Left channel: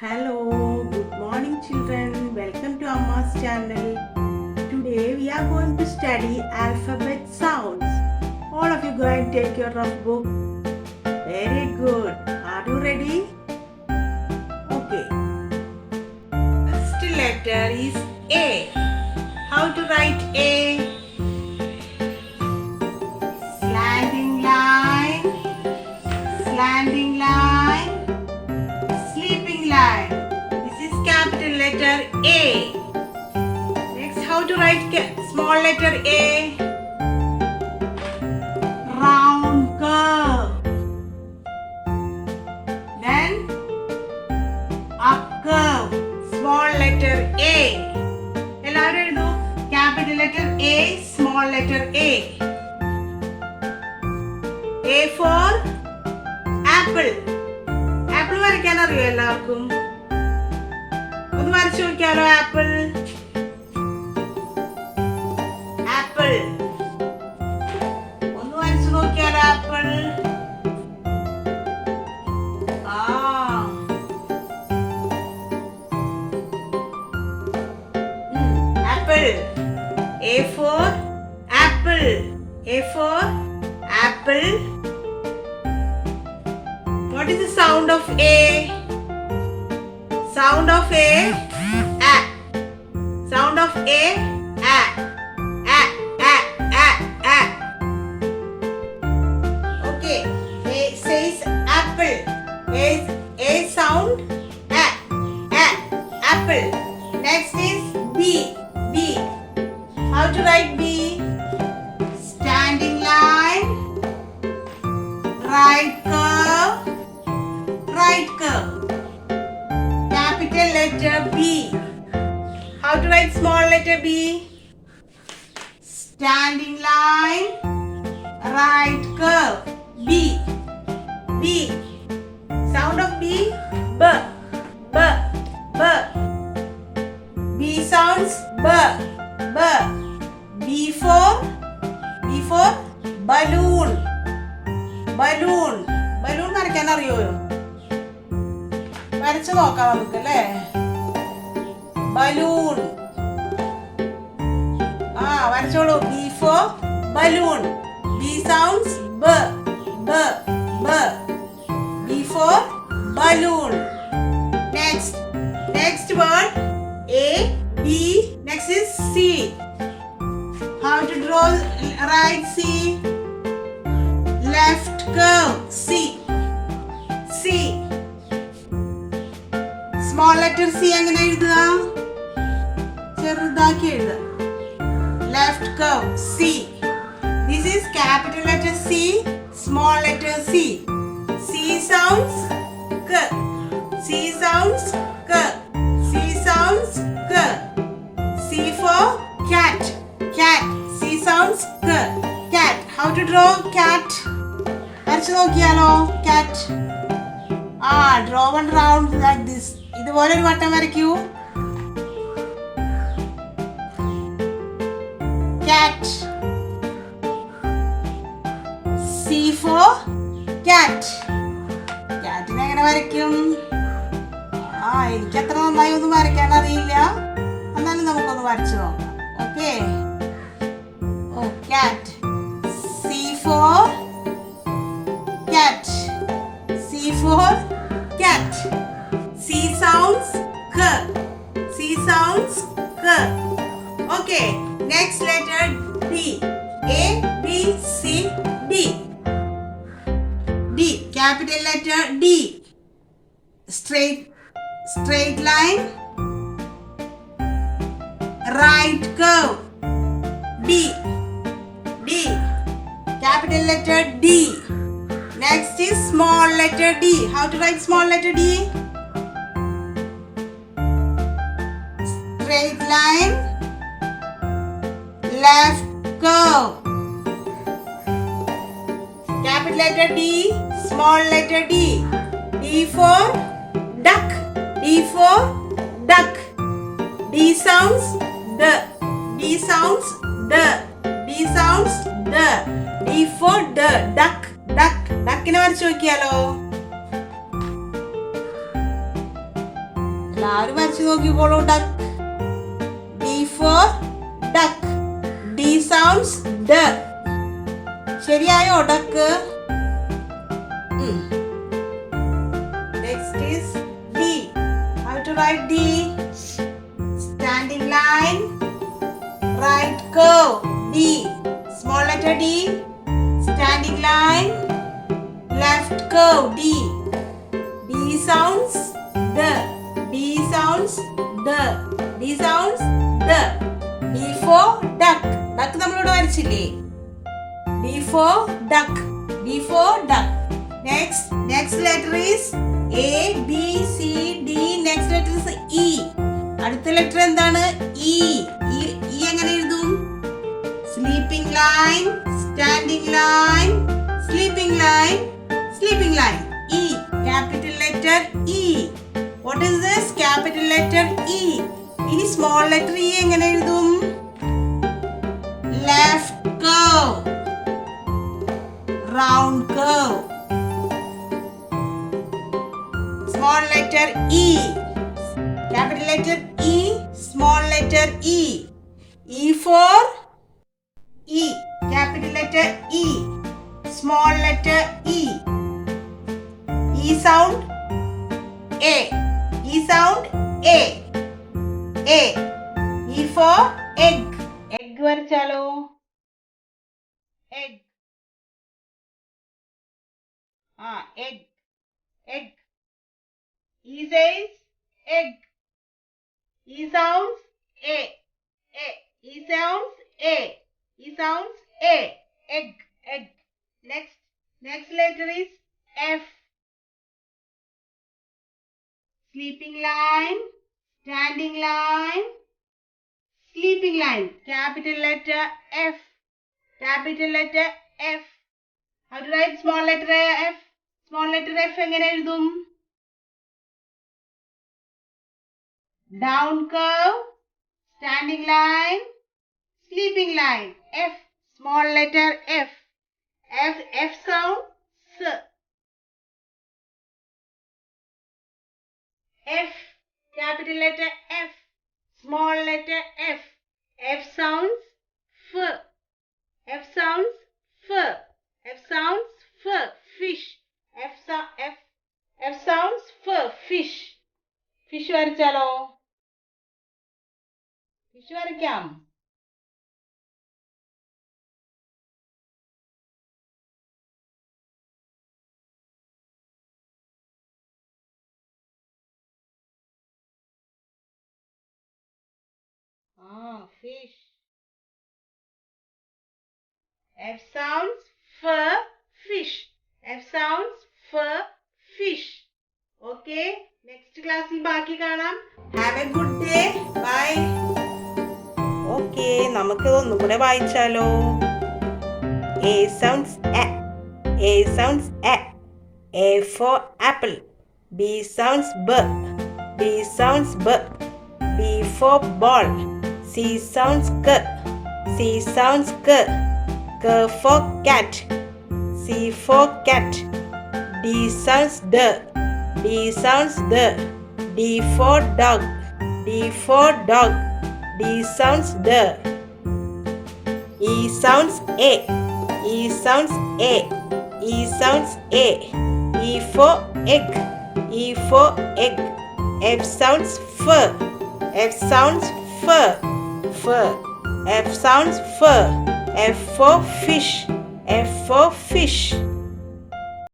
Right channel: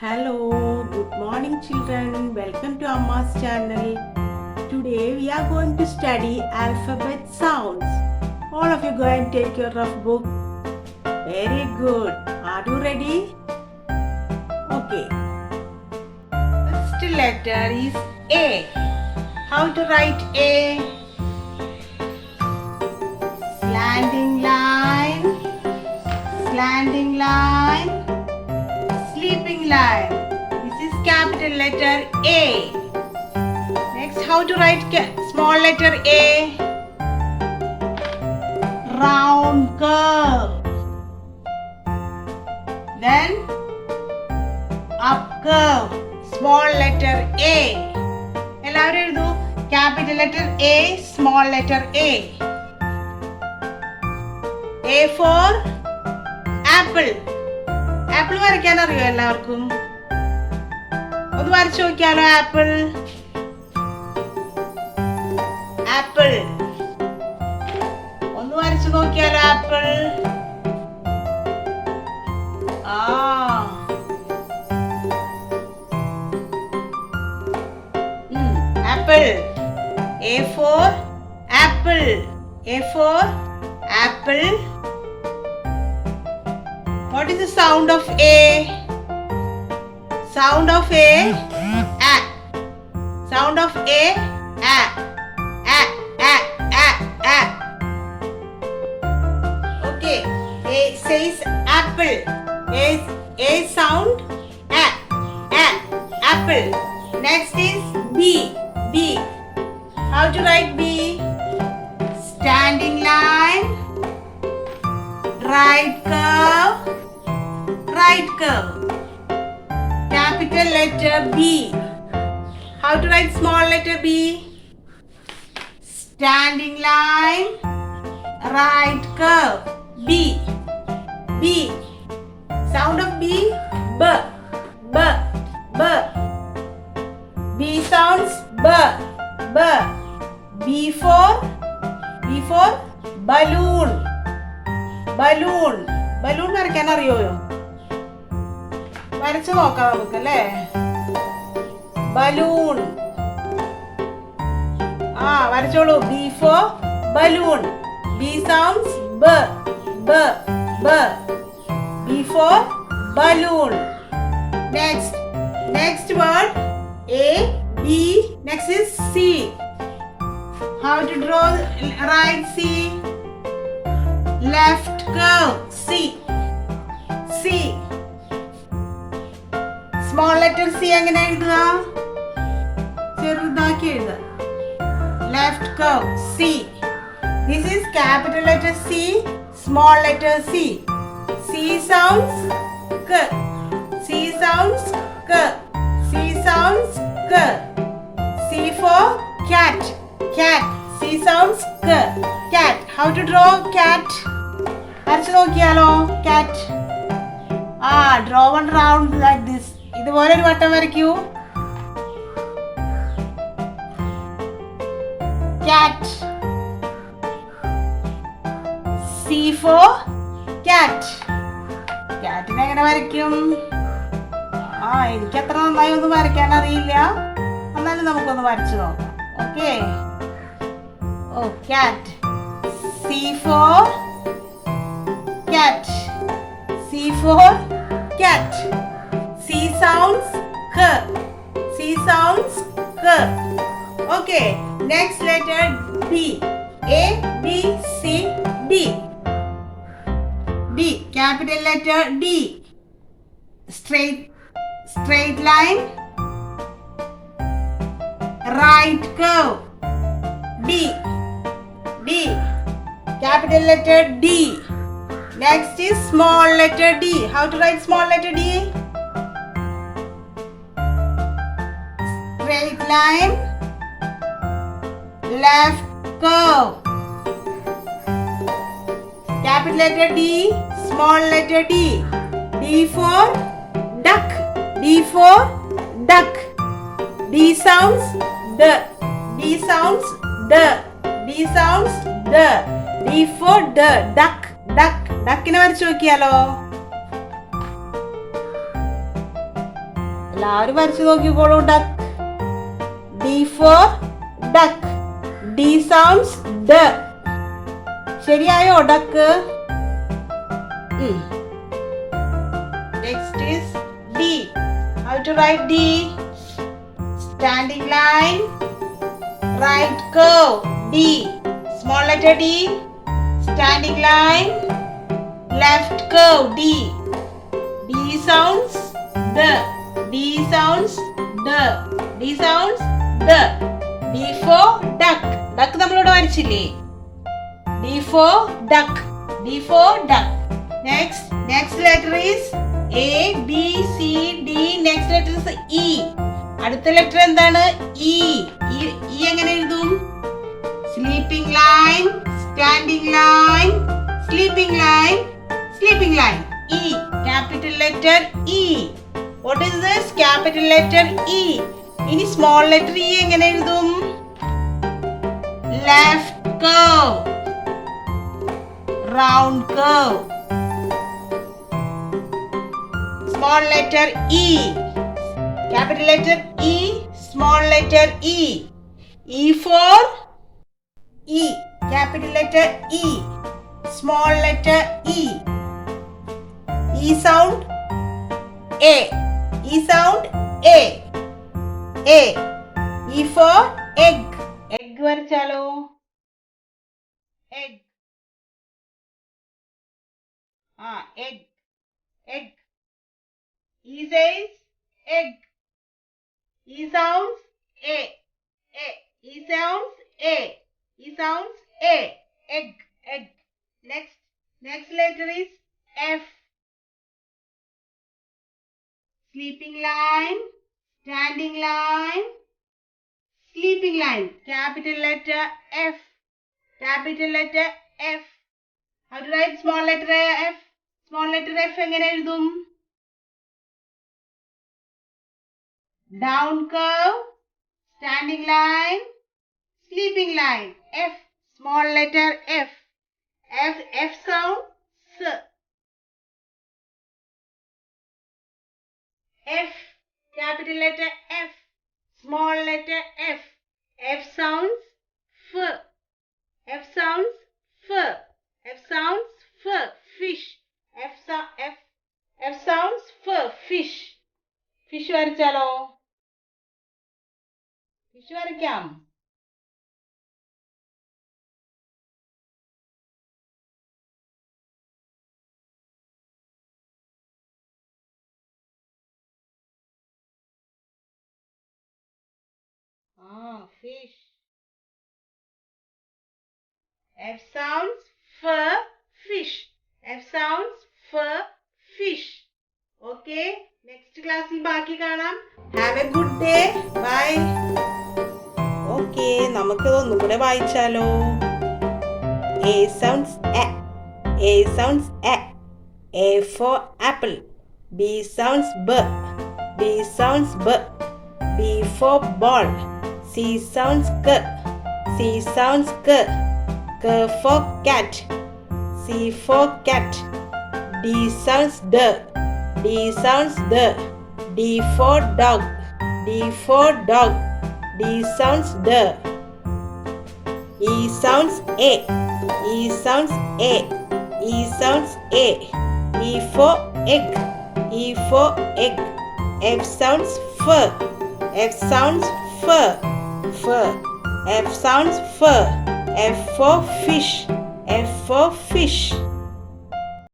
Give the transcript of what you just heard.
Hello, good morning children. Welcome to Ammas channel. Today we are going to study alphabet sounds. All of you go and take your rough book. Very good. Are you ready? Okay. First letter is A. How to write A? Slanting line, slanting line, sleeping line. This is capital letter A. Next, how to write small letter A? Round curve. Then up curve. Small letter A. എല്ലാവരും എഴുതൂ. Capital letter A, small letter A. A for apple. Apple വരയ്ക്കാൻ അറിയോ എല്ലാവർക്കും? ഒന്ന് വരച്ചു നോക്കിയാലോ apple. Apple ഒന്ന് വരച്ചു നോക്കിയാലോ apple. Apple. A for apple. A for apple. What is the sound of A? Sound of A, A. Sound of A, A. A, A, A, A. Okay. A says apple. A sound, A, A, apple. Next is B. B. How to write B? Standing line, right curve, right curve. Capital letter B. How to write small letter B? Standing line, right curve. B. B. Sound of B. B. B. B. B sounds B. B. B for balloon. Balloon. Balloon വരയ്ക്കാൻ അറിയോ? വരച്ചു നോക്കാം നമുക്ക് അല്ലേ? Balloon. വരച്ചോളൂ. B for balloon. B sounds B. B. B. B for balloon. Next word A, B. Next is C. How to draw right C? Left curve. C. C. Small letter C എങ്ങനെ എഴുതുക? ചെറുതാക്കി എഴുതുക. Left curve. C. This is capital letter C, small letter C. C sounds K. C sounds K. C sounds K. C for cat. Cat. C sounds K. Cat. How to draw cat? വരച്ചു നോക്കിയാലോ cat. Draw one round like this. ഇതുപോലെ ഒരു വട്ടം വരയ്ക്കൂ. Cat. C for cat. Catനെ എങ്ങനെ വരയ്ക്കും? എനിക്ക് അത്ര നന്നായി ഒന്നും വരയ്ക്കാൻ അറിയില്ല. എന്നാലും നമുക്കൊന്ന് വരച്ചു നോക്കാം. Okay. Cat. C for cat. C for cat. C sounds K. C sounds K. Okay. Next letter D. A, B, C, D. D. Capital letter D. Straight line, right curve. D. D. Capital letter D. Next is small letter D. How to write small letter D? Straight line, left curve. Capital letter D, small letter D. D for duck. D for duck. D sounds D. D sounds D. D sounds D. D for D. Duck. Duck. Duck നെ വരച്ചു നോക്കിയാലോ? എല്ലാവരും വരച്ചു നോക്കിക്കോളൂ. Duck. D for duck. D sounds D. ശരിയായോ duck? Next is D. How to write D? Standing line, right curve. D. Small letter D. Standing line, left curve. D. D sounds D. D sounds D. D sounds D. D for duck. Duck നമ്മളോട് വരച്ചില്ലേ? D for duck. D for duck. Next letter is A, B, C, D. Next letter is E. അടുത്ത letter എന്താണ്? E. E എങ്ങനെ എഴുതും? Sleeping line, standing line, sleeping line, sleeping line. E. Capital letter E. What is this? Capital letter E. ഇനി small letter E എങ്ങനെ എഴുതും? Left curve, round curve. Small letter E. Capital letter E. Small letter E. E for E. Capital letter E. Small letter E. E sound A. E sound A. A. E for egg. Egg വരച്ചാലോ? Egg. Egg. Egg. E says egg. E sounds A. A. E sounds A. E sounds A. Egg. Egg. Next letter is F. Sleeping line, standing line, sleeping line. Capital letter F. Capital letter F. How to write small letter F? Small letter F എങ്ങനെ എഴുതും? Down curve, standing line, sleeping line. F. Small letter F. F sound S. F. Capital letter F. Small letter F. F sounds F. F sounds F. F sounds F. Fish. F sounds F. Fish. Fish വരച്ചാലോ? Fish വരയ്ക്കാം. Fish. F sounds F. Fish. F sounds F. Fish. Okay. Next ക്ലാസ്സിൽ ബാക്കി കാണാം. Have a good day. Bye. Okay. നമുക്ക് ഒന്നും കൂടെ വായിച്ചാലോ? A sounds A. A sounds A. A for apple. B sounds B. B sounds B. B for ball. C sounds K. C sounds K. K for cat. C for cat. D sounds D. D sounds D. D for dog. D for dog. D sounds D. E sounds A. E sounds A. E sounds A. E for egg. E for egg. F sounds F. F sounds F. F. F sounds F. F for fish. F for fish.